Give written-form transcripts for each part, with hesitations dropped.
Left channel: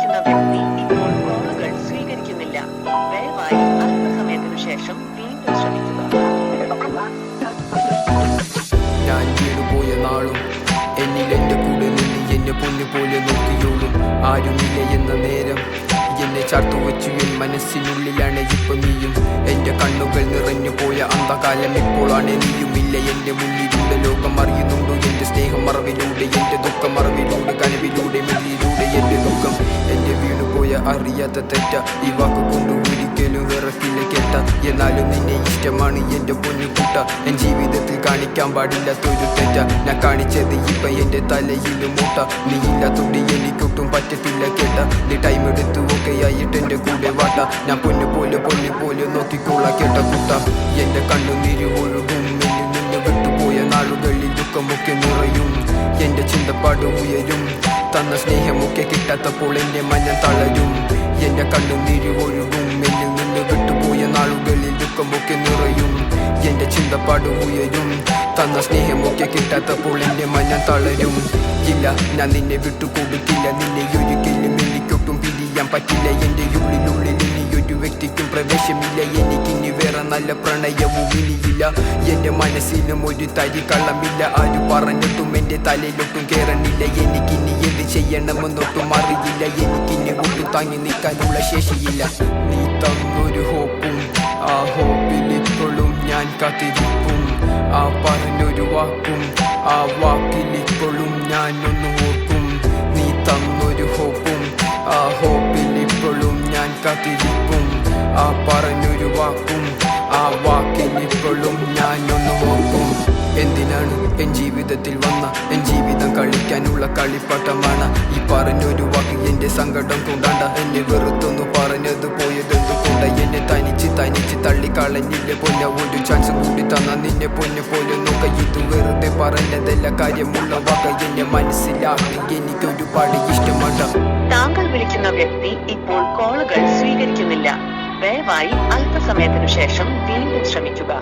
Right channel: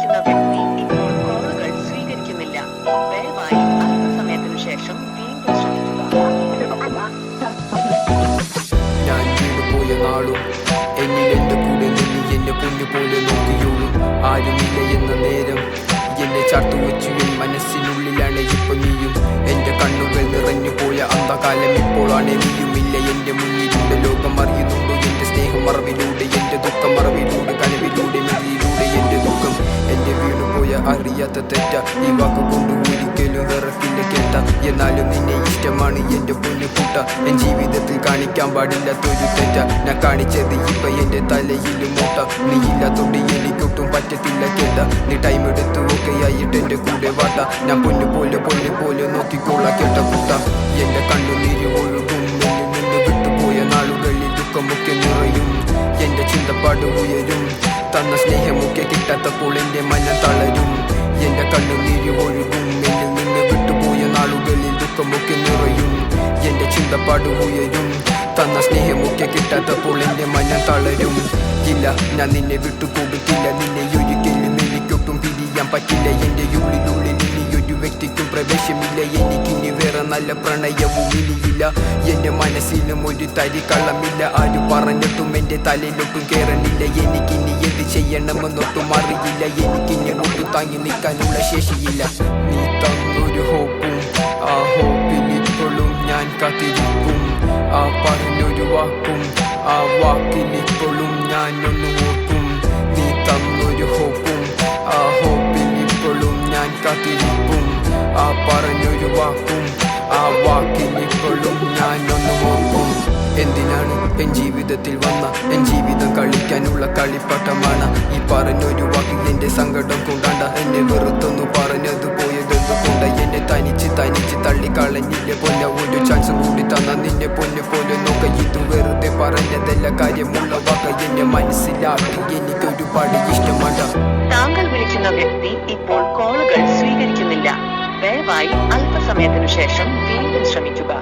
വിളിക്കുന്ന വ്യക്തി ഇപ്പോൾ കോളുകൾ സ്വീകരിക്കുന്നില്ല. ദയവായി അല്പസമയത്തിനു ശേഷം വീണ്ടും ശ്രമിക്കുക. ഞാൻ വീണുപോയ നാളും എന്നിൽ എൻ്റെ കൂടെ നിന്ന് എന്നെ പൊന്നു പോലെ നോക്കിയോളും. ആരുമില്ല എന്ന നേരം എന്നെ ചാർത്തു വെച്ചു എൻ മനസ്സിനുള്ളിലാണ് ഇപ്പൊ നീയും. എൻ്റെ കണ്ണുകൾ നിറഞ്ഞു പോയ അന്ധകാലം ഇപ്പോഴാണ് നീയുമില്ല എൻ്റെ മുന്നിലുണ്ട്. ലോകം അറിയുന്നുണ്ടോ എൻ്റെ സ്നേഹം മറവിലൂടെ, എൻ്റെ ദുഃഖം മറവിലൂടെ, കനവിലൂടെ, മെഴിയിലൂടെ എൻ്റെ ദുഃഖം. എൻ്റെ വീണുപോയ അറിയാത്ത തെറ്റ ഈ വാക്കുകൊണ്ട് ഒരിക്കലും വിറക്കില്ല കേട്ട. എന്നാലും നിന്നെ ഇഷ്ടമാണ് എൻ്റെ പൊന്നു കൂട്ട. എൻ ജീവിതത്തിൽ കാണിക്കാൻ പാടില്ലാത്തൊരു തെറ്റ ഞാൻ കാണിച്ചത് ഇപ്പൊ എൻ്റെ തലയിലും മൂട്ട. നീ ഇല്ലാത്തൊണ്ട് എനിക്കൊട്ടും പറ്റത്തില്ല കേട്ട. നീ ടൈം എടുത്തു ആയിട്ട് എൻ്റെ കൂടെ വാട്ട. ഞാൻ പൊന്നു പോലെ നോക്കിക്കോളാ കേട്ട കുട്ട. എൻ്റെ കണ്ണുനീര് ഒഴുകും. എന്നിൽ നിന്ന് വിട്ടുപോയ നാളുകളിൽ ദുഃഖമൊക്കെ നിറയും. എൻ്റെ ചിന്തപ്പാട് ഉയരും. തന്ന സ്നേഹമൊക്കെ കിട്ടാത്തപ്പോൾ എൻ്റെ മനം തളരും. എൻ്റെ കണ്ണുനീര് ഒഴുകും. എന്നിൽ നിന്ന് വിട്ടുപോയ നാളുകളിൽ ദുഃഖമൊക്കെ നിറയും. എൻ്റെ ചിന്തപ്പാട് ഉയരും. തന്ന സ്നേഹമൊക്കെ കിട്ടാത്തപ്പോൾ എൻ്റെ മനം തളരും. ഇല്ല, ഞാൻ നിന്നെ വിട്ടുകൊടുക്കില്ല. നിന്നെ ഒരിക്കലും എനിക്കൊട്ടും പിരിയാൻ പറ്റില്ല. എൻ്റെ ഉള്ളിൽ ഇനിയൊരു വ്യക്തിക്കും പ്രവേശമില്ല. എനിക്കിനി വേറെ നല്ല പ്രണയവും ഇനിയില്ല. എൻ്റെ മനസ്സിലും ഒരു തരി കള്ളമില്ല. ആര് പറഞ്ഞിട്ടും എൻ്റെ തലയിലൊട്ടും കേറണില്ല. എനിക്കിനി എന്ത് ചെയ്യണമെന്നൊട്ടും അറിയില്ല. എനിക്കിനി ഒട്ടും താങ്ങി നിൽക്കാനുള്ള ശേഷിയില്ല. നീ തന്നൊരു ഹോപ്പും ആ ഹോപ്പിൽ ഇപ്പോഴും ഞാൻ കാത്തിരിപ്പും. ആ പറഞ്ഞൊരു വാക്കും ആ വാക്കിൽ ഇപ്പോഴും ഞാനൊന്ന് ഓർക്കും. നീ തന്നൊരു ഹോപ്പും ആ ഹോപ്പിൽ ഇപ്പോഴും ഞാൻ കാത്തിരിപ്പും. ആ പറഞ്ഞൊരു വാക്കും ആ വാക്കിൽ ഇപ്പോഴും ഞാനൊന്ന് ഓർക്കും. എന്തിനാണ് എൻ ജീവിതത്തിൽ വന്ന എൻ ജീവിതം കളിക്കാനുള്ള കളിപ്പാട്ടമാണ്. ഈ പറഞ്ഞൊരു വാക്ക് എൻ്റെ സങ്കടം കൊണ്ടാണ്ട. എന്നെ വെറുത്തൊന്നു പറഞ്ഞത് പോയതെന്തുകൊണ്ട. എന്നെ തനിച്ച് തള്ളിക്കളഞ്ഞില്ലേ പൊന്ന. ഒരു ചാൻസും കൂടി തന്ന നിന്നെ പൊന്നു പോലെ നോക്ക. ഇത് വെറുതെ പറഞ്ഞതല്ല, കാര്യമുള്ള വാക്ക്. എന്നെ മനസ്സിലാക്കി എനിക്കൊരുപാട് ഇഷ്ടമാണ്ട. താങ്കൾ വിളിക്കുന്ന വ്യക്തി ഇപ്പോൾ കോളുകൾ സ്വീകരിക്കുന്നില്ല. ദയവായി അല്പസമയത്തിനു ശേഷം വീണ്ടും ശ്രമിക്കുക.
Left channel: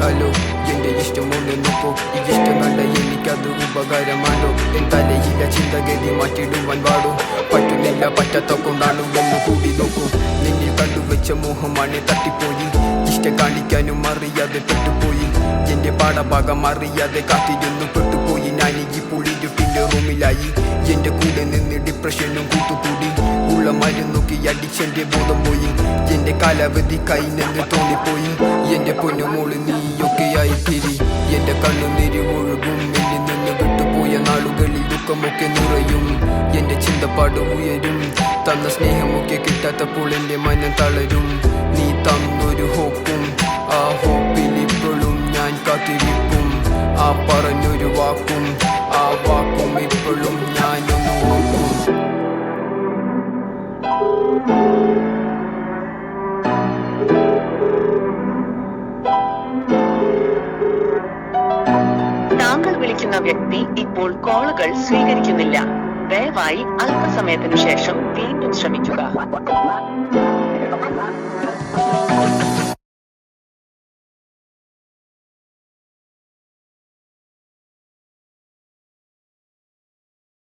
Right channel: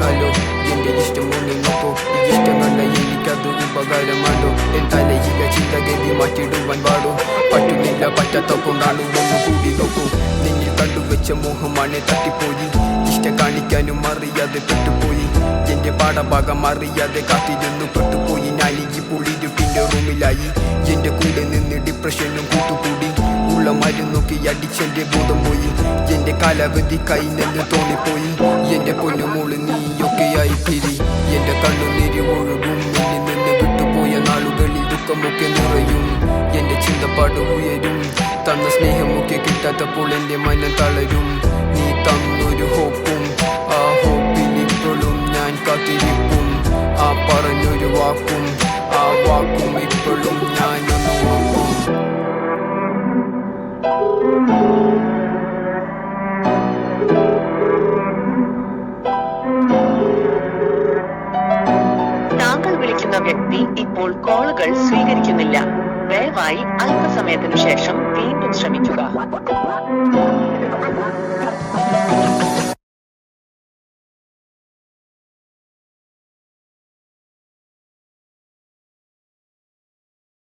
ഹലോ, എൻ്റെ ഇഷ്ടം ഒന്ന് നോക്കൂ. ഈ ഇഷ്ടം കണ്ട എനിക്കത് ഉപകാരമാണ്ടോ? എൻ തലയില്ല ചിന്തഗതി മാറ്റിടുവാൻ പാടോ? പറ്റുന്നില്ല, പറ്റാത്ത കൊണ്ടാണ് ഒന്ന് കൂടി നോക്കൂ. നിന്നിൽ കണ്ടുവെച്ച മോഹമാണ് തട്ടിപ്പോയി. ഇഷ്ടം കാണിക്കാനും അറിയാതെ പെട്ടുപോയി. എൻ്റെ പാഠഭാഗം അറിയാതെ കാത്തിരുന്നു പെട്ടുപോയി. ഞാൻ ഈ പുള്ളിരുട്ടിൻ്റെ റൂമിലായി. എൻ്റെ കൂടെ നിന്ന് ഡിപ്രഷനും കൂട്ടുകൂടി. ഉള്ള മരുന്നൊക്കെ അഡിക്ഷൻ്റെ ബോധം പോയി. എൻ്റെ കാലാവധി കൈനെന്ന് തോന്നിപ്പോയി. എൻ്റെ പൊന്നുമോള് നീയൊക്കെയായി തിരി. എൻ്റെ കണ്ണുനീര് ഒഴുകും. എന്നിൽ നിന്ന് വിട്ടുപോയ നാളുകളിൽ ദുഃഖമൊക്കെ നിറയും. എൻ്റെ ചിന്തപ്പാട് ഉയരും. തന്ന സ്നേഹമൊക്കെ കിട്ടാത്തപ്പോൾ എൻ്റെ മനം തളരും. നീ തന്നൊരു ഹോപ്പും ആ ഹോപ്പിൽ ഇപ്പോഴും ഞാൻ കാത്തിരിപ്പും. ആ പറഞ്ഞൊരു വാക്കും ആ വാക്കും ഇപ്പോഴും ഞാനൊന്ന് ഓർക്കും. താങ്കൾ വിളിക്കുന്ന വ്യക്തി ഇപ്പോൾ കോളുകൾ സ്വീകരിക്കുന്നില്ല. ദയവായി അല്പസമയത്തിനു ശേഷം വീണ്ടും ശ്രമിക്കുക.